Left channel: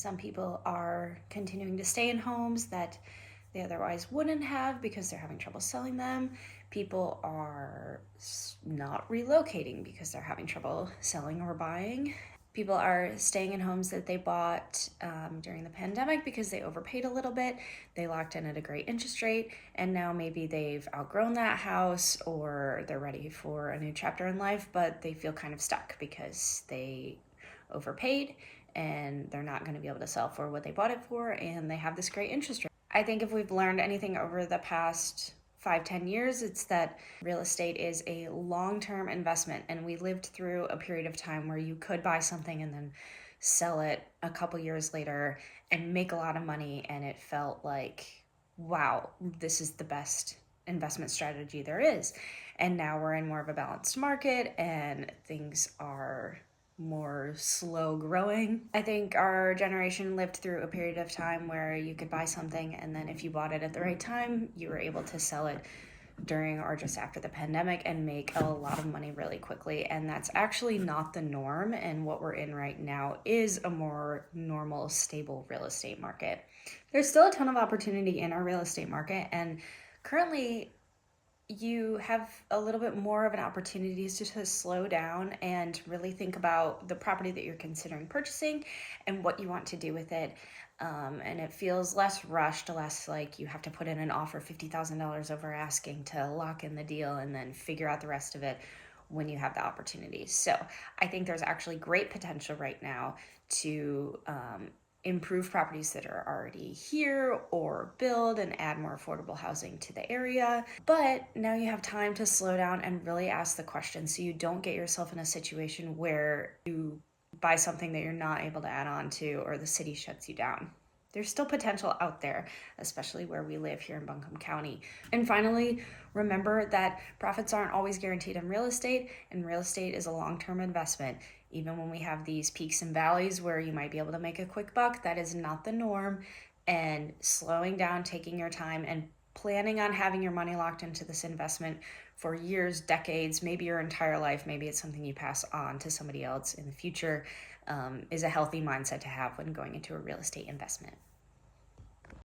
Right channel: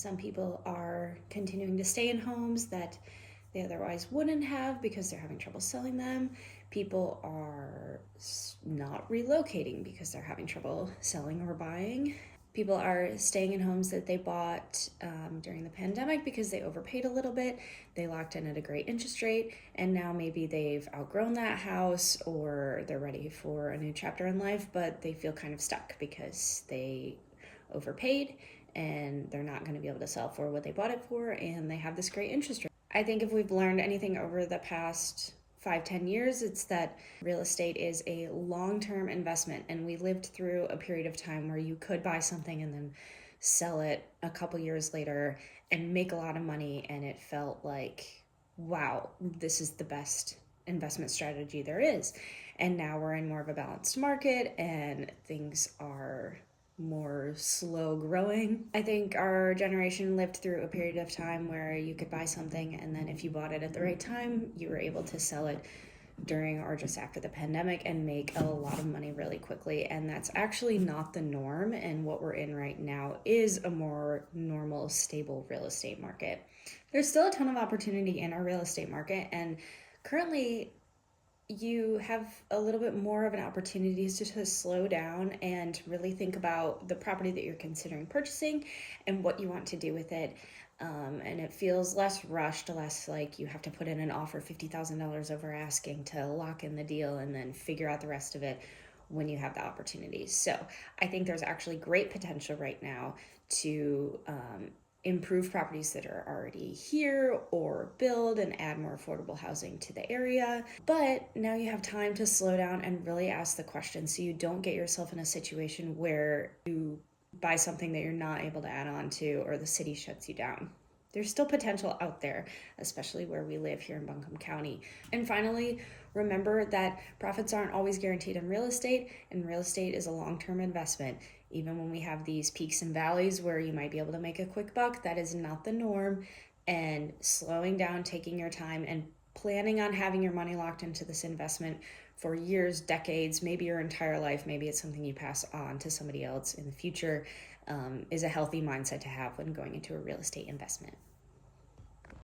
Some people are continuing to stay in homes that they otherwise wouldn't have because they're having trouble selling them. People are not relocating because they're having trouble selling or buying. People are staying in homes that they bought during the pandemic because they overpaid a little bit. They locked in at a great interest rate, and now maybe they've outgrown that house or they're ready for a new chapter in life, but they feel kind of stuck because they overpaid and they're not going to be able to sell for what they bought it for, and they have this great interest rate. I think if we've learned anything over the past 5-10 years, it's that real estate is a long-term investment, and we lived through a period of time where you could buy something and then sell it a couple years later and make a lot of money, and it felt like, wow, this is the best investment strategy there is. And now we're in more of a balanced market and things are more slow growing. I think our generation lived through a period of time where you could buy something, and then if you bought it at the right time, you were able to sell it during or just after the pandemic and make a lot of money really quickly. And that's actually not the norm, and what we're in right now is a more normal, stable real estate market. There's still a ton of opportunity in our real estate market, and currently you have a little bit more of an opportunity to slow down and really think about the property that you're considering purchasing and what you want to do with it. And it feels less rushed, less like you have to put in an offer $50,000 over asking to lock in the deal and then figure out the rest of it when you have the opportunity. So I think there's actually great potential right now to improve properties that are already here or build and add more affordable housing to the area. But now you have time to slow down and really ask the question so you don't get yourself in a situation where you buy something that you're not able to add on to or the city shuts you down. There's still potential out there, especially where we live here in Buncombe County. And finally, remember that profits aren't always guaranteed in real estate, and real estate is a long-term investment. Even when we have these peaks and valleys where you might be able to make a quick buck, that is not the norm. And slowing down, taking your time, and planning on having your money locked into this investment for years, decades, maybe your entire life, maybe it's something you pass on to somebody else in the future, is a healthy mindset to have when going into a real estate investment.